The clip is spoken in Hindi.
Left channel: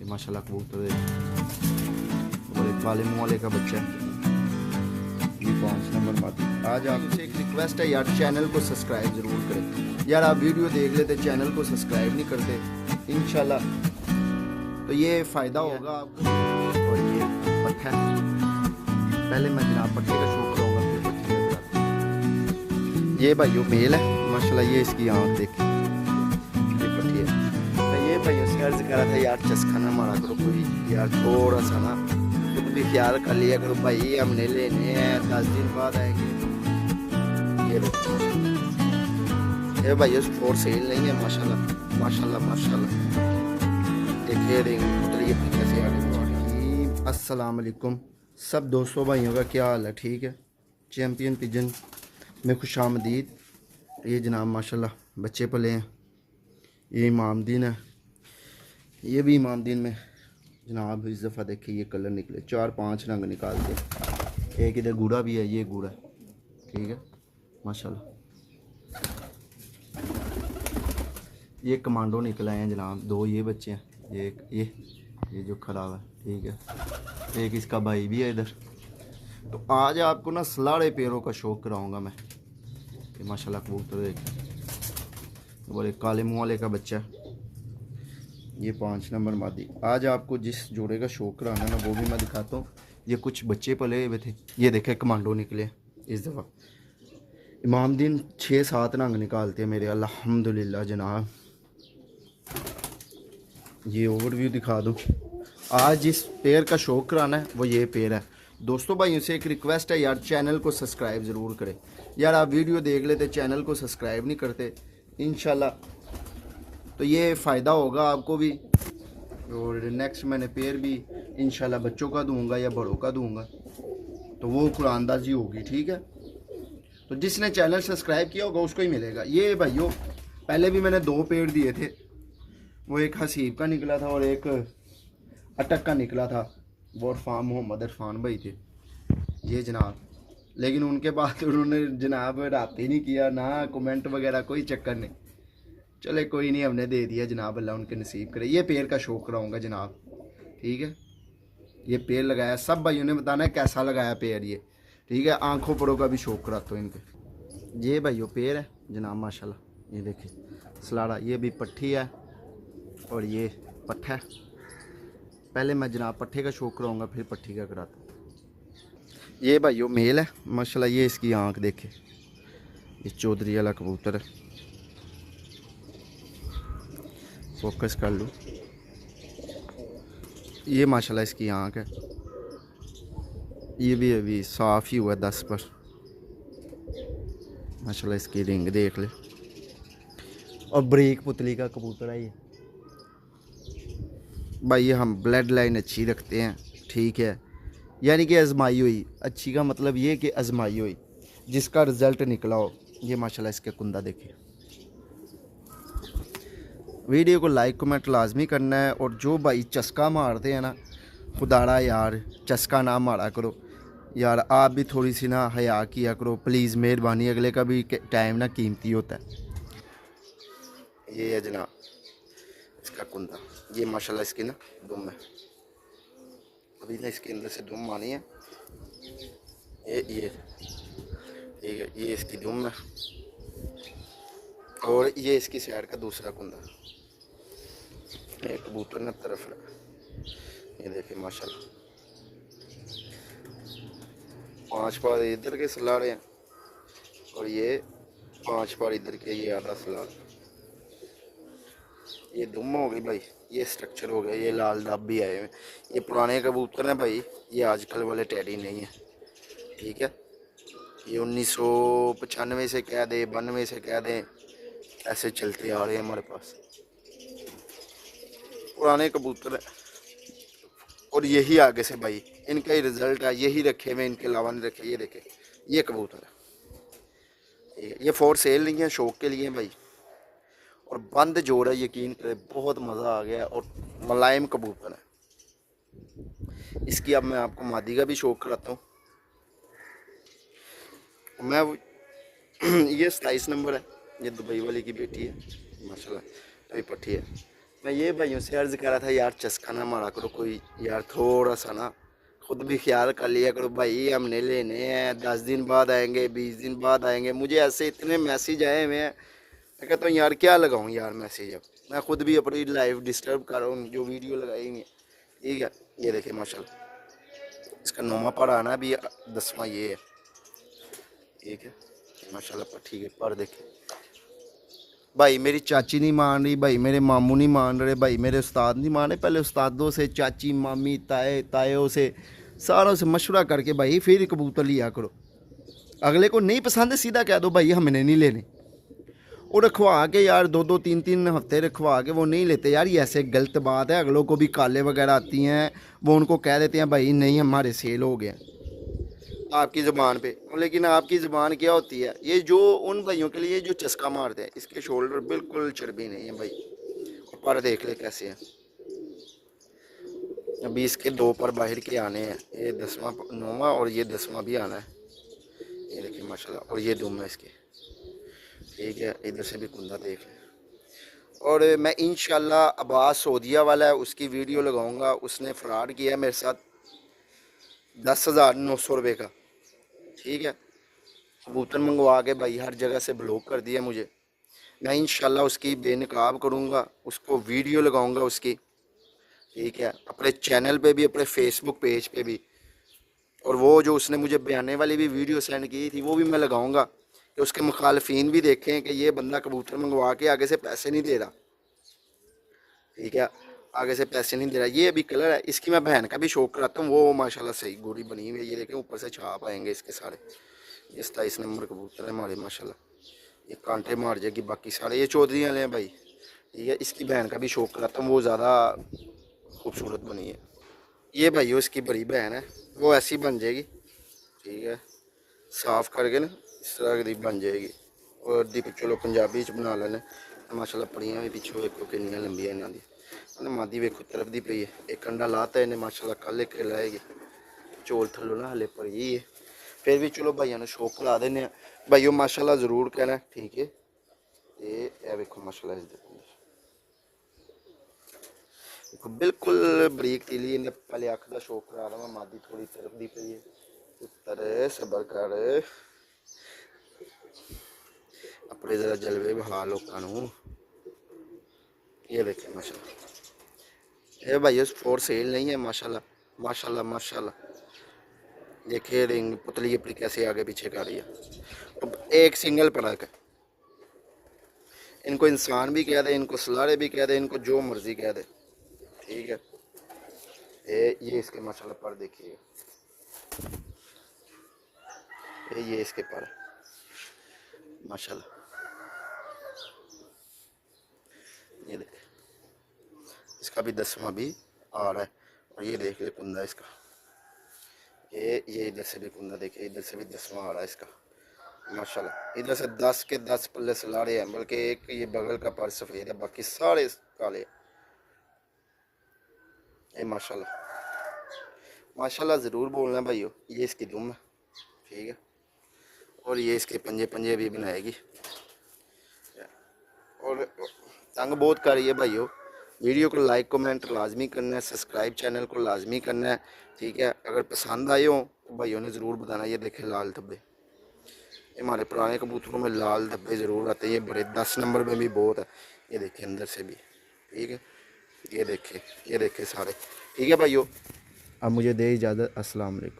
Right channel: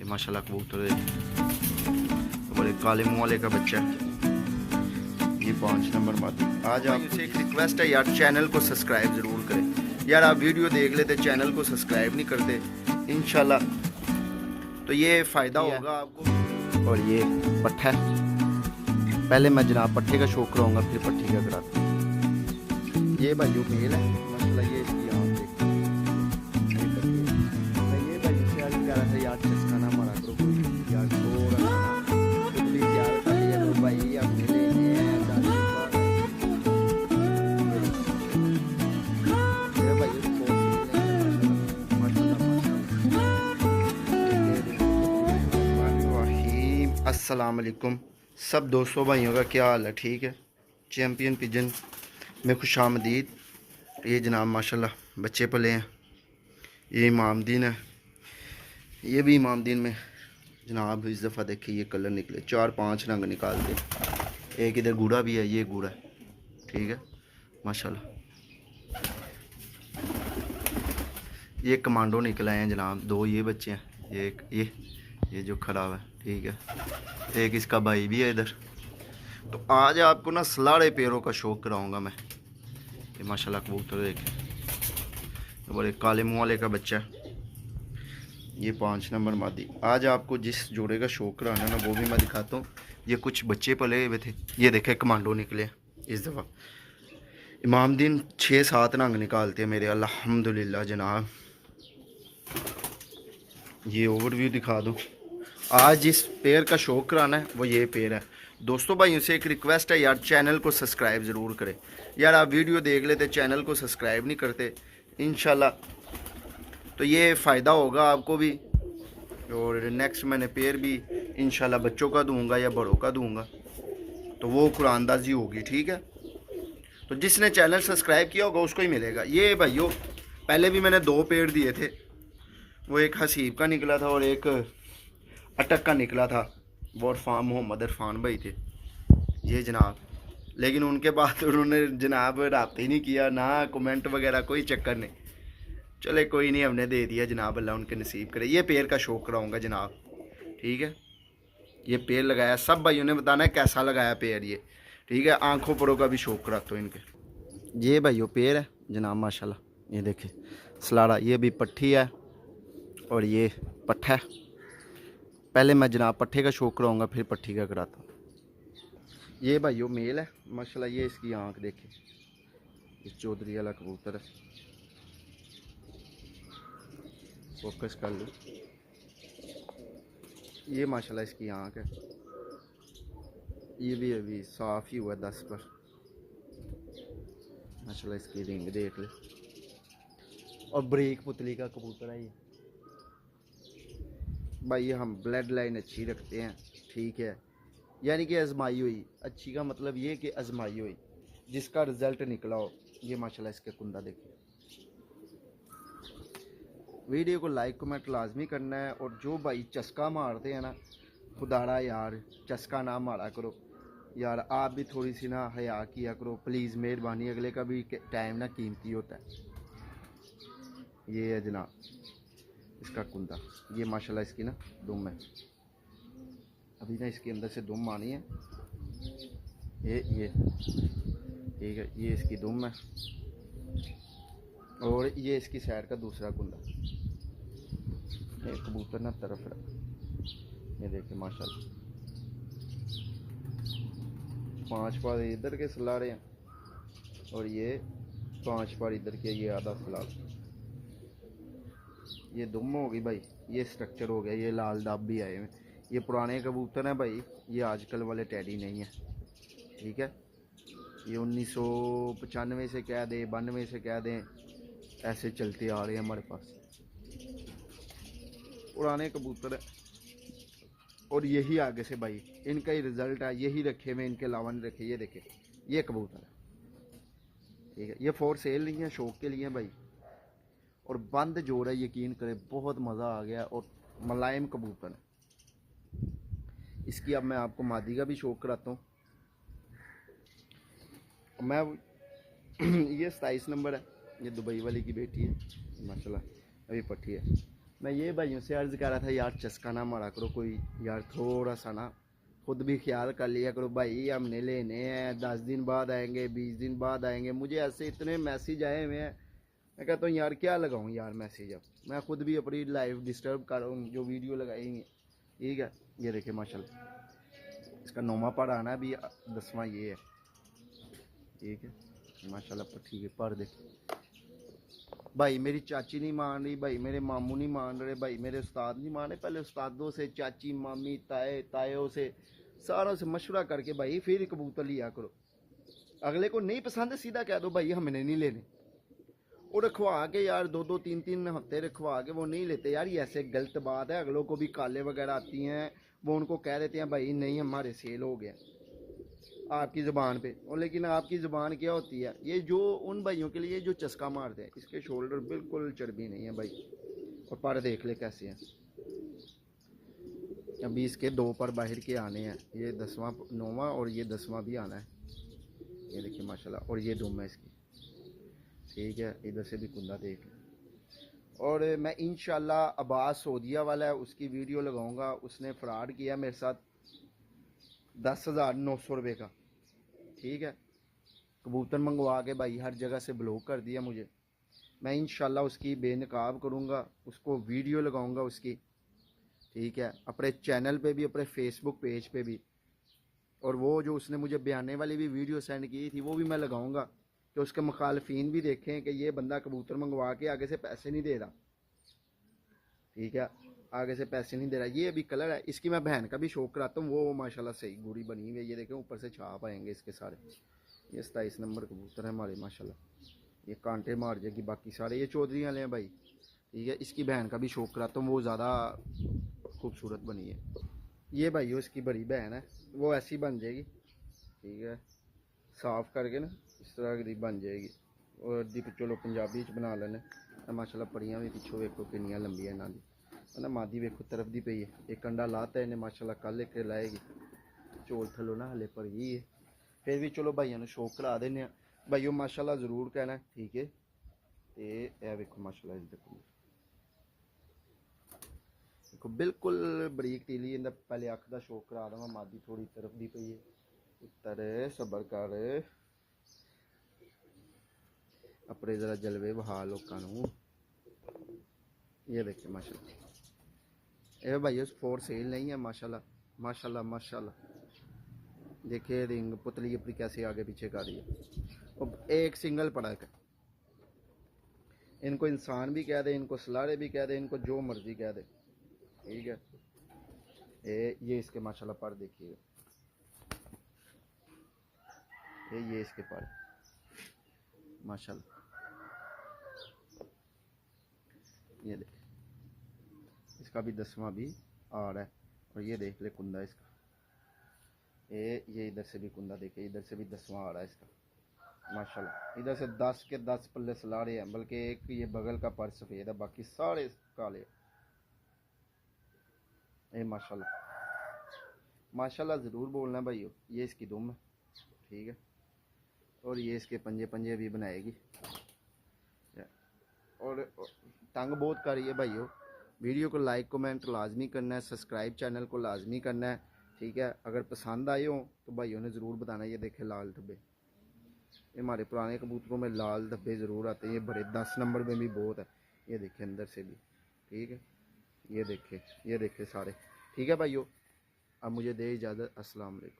ये माशाल्लाह कबूतर और एक काले मुँह वाले का बच्चा है, ये 5 नंबर मादी। आज आपसे एक रिक्वेस्ट है यार, चैनल को सब्सक्राइब ज़रूर करें यार। आप वीडियो देख लेते चैनल को सब्सक्राइब नहीं करते इंशाल्लाह तो ये फ़ायदा होगा आपको। और ये पट्ठा है, पहले मैं जनाब पट्ठे का शौक करूँगा फिर पट्टी का कराता। ये भाइयों मेल है माशाल्लाह, ये इसकी आँख देखिए, ये पट्टी है। तो ये भाइयों से अर्ज कर रहा था यार, चस्का ना मारा करो कोई यार, थोड़ा सा ना खुद भी ख्याल कर लिया करो भाई, हमने लेने हैं 10 दिन बाद आएंगे। ये भाइयों फोर सेल नहीं है माशाल्लाह माशाल्लाह माशाल्लाह। अस्सलाम वालेकुम सब दोस्तों भाइयों का क्या हाल है, ठीक है। चैम्पियन पिजन में खुशामदीद। ये जनाब माशाल्लाह बच्चे पले हैं, ये इमामदीन है, ये भी इमामदीन में जनाब इस दफ़ा देखिए ये कलर निकले, 4-5 रंग निकालते। एक इधर गूढ़ा भी है, ये गूढ़ा है, ठीक है माशाल्लाह। ये कमांडो निकले हैं जनाब, 2 ये बच्चे हैं, एक ये जो खड़ा हुआ है, ठीक है। एक इसका भाई भी है इधर। तो आज आपको ना सलाड़े पैरों का शौक कराऊंगा मैं। ये माशाल्लाह कबूतर देखें, और एक काले मुँह वाले का बच्चा है, ये 5 नंबर मादी। आज आपको जिस जोड़े का शौक कराना ना वो भी मैं दिखाता हूँ। ये कुछ बच्चे पले हुए थे, ये देखे कमांडो निकले इस दफ़ा। इमामदीन 6-7 रंग निकालते हैं मेरे अल्हम्दुलिल्लाह जनाब। ये ओवरव्यू दिखा दूँ। आज जिस पेयर का शौक कराना है वो ये पेयर है। दोस्तों भाइयों से एक रिक्वेस्ट है यार, चैनल को सब्सक्राइब ज़रूर करें यार। आप वीडियो देख लेते चैनल को सब्सक्राइब नहीं करते इंशाल्लाह तो ये फ़ायदा होगा आपको भी। और नेक्स्ट मैंने पेयर भी इंशाल्लाह बच्चों का दूंगा या बड़ों का दूंगा, तो वो कुरानदाजी होगी, ठीक है। तो जिसने चैनल सब्सक्राइब किया होगा उसको ही मिलेगा। ये भाइयों पहले भी मैंने 2 पेयर दिए थे, वो एक हसीब का निकला था और एक अटक का निकला था, वो इरफान मोहम्मद इरफान भाई थे ये जनाब। लेकिन उनके बाद उन्होंने जनाब रब्ता ही नहीं किया, ना कमेंट वगैरह, कोई चक्कर नहीं। चले कोई नहीं, हमने दे दिया जनाब, अल्लाह उनके नसीब करे। ये पेड़ का शौक कराऊंगा जनाब, ठीक है। ये पेड़ लगाया, सब भाइयों ने बताना है कैसा लगाया पेड़ ये, ठीक है। आंखों परों का भी शौक कराता हूँ इनके। ये भाइयों पेड़ है जनाब माशाल्लाह, ये देखिए सलाड़ा, ये भी पट्ठी है और ये पट्ठा है। पहले मैं जनाब पट्ठे का शौक कराऊंगा फिर पट्ठी का कराता हूँ। ये भाइयों मेल है माशाल्लाह, ये इसकी आंख देखे, ये चौधरी वाला कबूतर है, फोकस कर लो। ये माशाल्लाह इसकी आंख है, ये भी अभी साफ़ ही हुआ 10 पर माशाल्लाह। इसकी रिंग देख ले, और ब्रेक पुतली का कबूतर है ये भाई। हम ब्लड लाइन अच्छी रखते हैं, ठीक है, यानी कि आजमाई हुई। अच्छी का मतलब ये कि आजमाई हुई, जिसका रिज़ल्ट निकला हो। ये माशाल्लाह इसके कुंदा देखिए। वीडियो को लाइक कमेंट लाजमी करना है। और जो भाई चस्का मारते हैं ना, खुदारा यार चस्का ना मारा करो यार, आप भी थोड़ी सी ना हया किया करो प्लीज़, मेहरबानी। अगले का भी टाइम ना कीमती होता है। ये है जनाब इसका कुंदा, ये माशाल्लाह इसकी ना दुम है, अभी ना इसके अंदर से दुम आनी है। ये ठीक है, ये इसकी दुम है और ये इसकी साइड का दूसरा कुंदा। ये कबूतर ना तरफ रहा, ये देखे माशाल्लाह 5 पार इधर के सलाड़े हैं और ये 5 पार इधर के, ये आधा सलाड़। ये दुम हो गई भाई, ये स्ट्रक्चर हो गया। ये लाल दाब भी आए हुए, ये पुराने कबूतर हैं भाई, ये आजकल वाले टैडी नहीं है, ठीक है। ये 1995 से कह दे, 92 से कह दें, ऐसे चलते आ रहे हैं हमारे पास पुराने कबूतर है। और यही आगे से भाई इनका ही रिज़ल्ट है, यही रखे हुए, इनके अलावा नहीं रखे। ये देखे ये कबूतर है, ठीक है। ये फॉर सेल नहीं है, शौक के लिए भाई। और बंद जोड़ है, यकीन करें बहुत मज़ा आ गया और मुलायम कबूतर है। इसकी अब मैं आपको मादी का भी शौक कराता हूँ। मैं ये 27 नंबर है, ये दुबई वाली की बेटी है माशाल्लाह, अभी पट्टी है। मैं ये भाइयों से अर्ज़ कर रहा था यार, चस्का ना मारा करो कोई यार, थोड़ा सा ना खुद भी ख्याल कर लिया करो भाई। हमने लेने हैं, 10 दिन बाद आएंगे, 20 दिन बाद आएंगे। मुझे ऐसे इतने मैसेज आए हुए हैं, मैं कहता हूँ यार क्या लगाऊँ यार मैसेज। अब मैं खुद भी अपनी लाइफ डिस्टर्ब कर रहा हूँ, जो वीडियो लगाई हुई है। ठीक है, ये देखिए माशाल्लाह इसका नौमा पर आना भी 10वां ये है। ठीक है माशाल्लाह पर, ठीक है पर देखे भाई मेरी चाची नहीं मान रही, भाई मेरे मामू नहीं मान रहे, भाई मेरे उस्ताद नहीं मान रहे। पहले उस्तादों से, चाची मामी ताए तायों से, सारों से मशवरा करके भाई फिर कबूतर लिया करो। अगले को नहीं पसंद है सीधा कह दो भाई हमने नहीं लेने। और रखवा के यार 2-2 3-3 हफ्ते रखवा के वो नहीं लेते यार, ये ऐसे गलत बात है। अगलों को भी काले वगैरह आती हैं, वो उनको कह देते हैं भाई नहीं हमारे सेल हो गए आपकी ज़ुबान पे। लेकिन आपकी ज़ुबान क्या होती है, ये जो उन भाइयों के लिए जो चस्का मारते हैं, इसके शोल्डर बिल्कुल चर्बी नहीं है भाई। और पर देख ले कैसे हैं। अभी इसके 2 पर बाहर के आने हैं, ये 10वां 9वां और ये 10वां भी आना है। ये देखिए माशाल्लाह, और ये दुम है इसके। ठीक है, इधर से भी कुंदा देख लें। और मैं इंशाल्लाह अब्बास सऊदिया वाला है, उसकी वीडियो लगाऊंगा। उसने फ्रॉड किया मेरे साथ 10,900 रुपये का। ठीक है, कबूतर मंगवा के भाई हर जगह से ब्लॉक कर दिया मुझे। मैं इंशाल्लाह उसकी बेनकाब करूँगा, उसको वीडियो लगाऊंगा उसकी। ठीक है, अपने चैनल पे भी, अपने फेसबुक पेज पे भी। और वो जो उसने मुझे बयाने वाली भी वीडियो सेंड की थी वो भी मैं लगाऊंगा, कि उसके मुखालफिन भी देखें कि ये बंदा कबूतर मंगवा के आगे से पैसे नहीं दे रहा। ठीक है, आगे से पैसे नहीं दे रहा। ये अभी कलर है, इसकी मैं बहन का भी शौक कराता हूँ। वो माशाल्लाह सही गोरी बनी हुई है। ये देखें ऊपर से छाप आएंगे इसके सारे। ये 27 नंबर कबूतर है हमारे माशाल्लाह। ये कांटे मार जाएगी बाकी सारे। ये चौधरी वाले हैं भाई। ठीक है, इसकी बहन का भी शौक कराता हूँ, वो ज़्यादा खूबसूरत बनी है। ये भाई उसकी बड़ी बहन है, वो ऐसी बन जाएगी। ठीक है, साफ करके ना इस तरह की बन जाएगी। और दी चलो पंजाबी च बना लेने माशाल्लाह। पड़ियाँ भी पिछों वेखो कितनियां लंबियां इन्हों दी। मतलब मादी वेखो तरफ दी पई है। एक अंडा लाता इन्हें माशाल्लाह, कल एक लाएगी। चोल थल्लों ना हले पड़ी है। फिर भी चलो भाइयों ने शौक करा देने भाइयों माशाल्लाह ज़रूर कहना। ठीक है, ये वेखो माशाल्लाह इस देखो बिल्कुल बरीक तीली। इन्हें पहले अख का शौक करा रहा मैं। मादी थोड़ी तरफ दी पई है। पुत्तर सबर कर, अपने ज़रा जलवे बहा लोगों। ये देखें माशाल्लाह, ये भाई फॉर सेल नहीं है माशाल्लाह माशाल्लाह माशाल्लाह। देखिए रिंग पुतली अपनी कैसे आगे पीछे कर रही है। अब एक सिंगल पड़क है। इनको इंसान भी कह दे, इनको सलारे भी कह दे, इनको जो मर्ज़ी कह दे। ठीक है, ये इसके माशाल्लाह पर देखिए, ये इसके पर माशाल्लाह। ये देख, इसका भी 10वां भी आ रहा है। और ये देख ले कुंदा इसका। ये इधर से भी कुंदा देखिए, इधर से भी 10वां आ रहा है इसका माशाल्लाह। इधर से 10 के 10 पल्ले सलारे हैं, बल्कि एक ये बगल का पर सफ़ेद है, बाकी सारे काले। ये माशाल्लाह माशाल्लाह ज़रूर बोलना भाइयों। ये इसकी दुम है। ठीक है, और ये इसके पंजे पंजे भी बनाएगी। और तंग बहुत कर रही है भाइयों। वीडियो को लाइक कमेंट लाजमी करना है, सब्सक्राइब चैनल को लाजमी करना है। ठीक है, अगर पसंद आए हो तो भाइयों ने ज़रूर बताना। ये देखें लाल धब्बे, ये हमारे पुराने कबूतरों में लाल धब्बे ज़रूर आते हैं। ये बड़े 10 नंबर में भी बहुत है। ये देखें अंदर से भी। ठीक है, ये देखें सारे। ठीक है भाइयों, अब मुझे दे इजाज़त। अस्सलाम वालेकुम।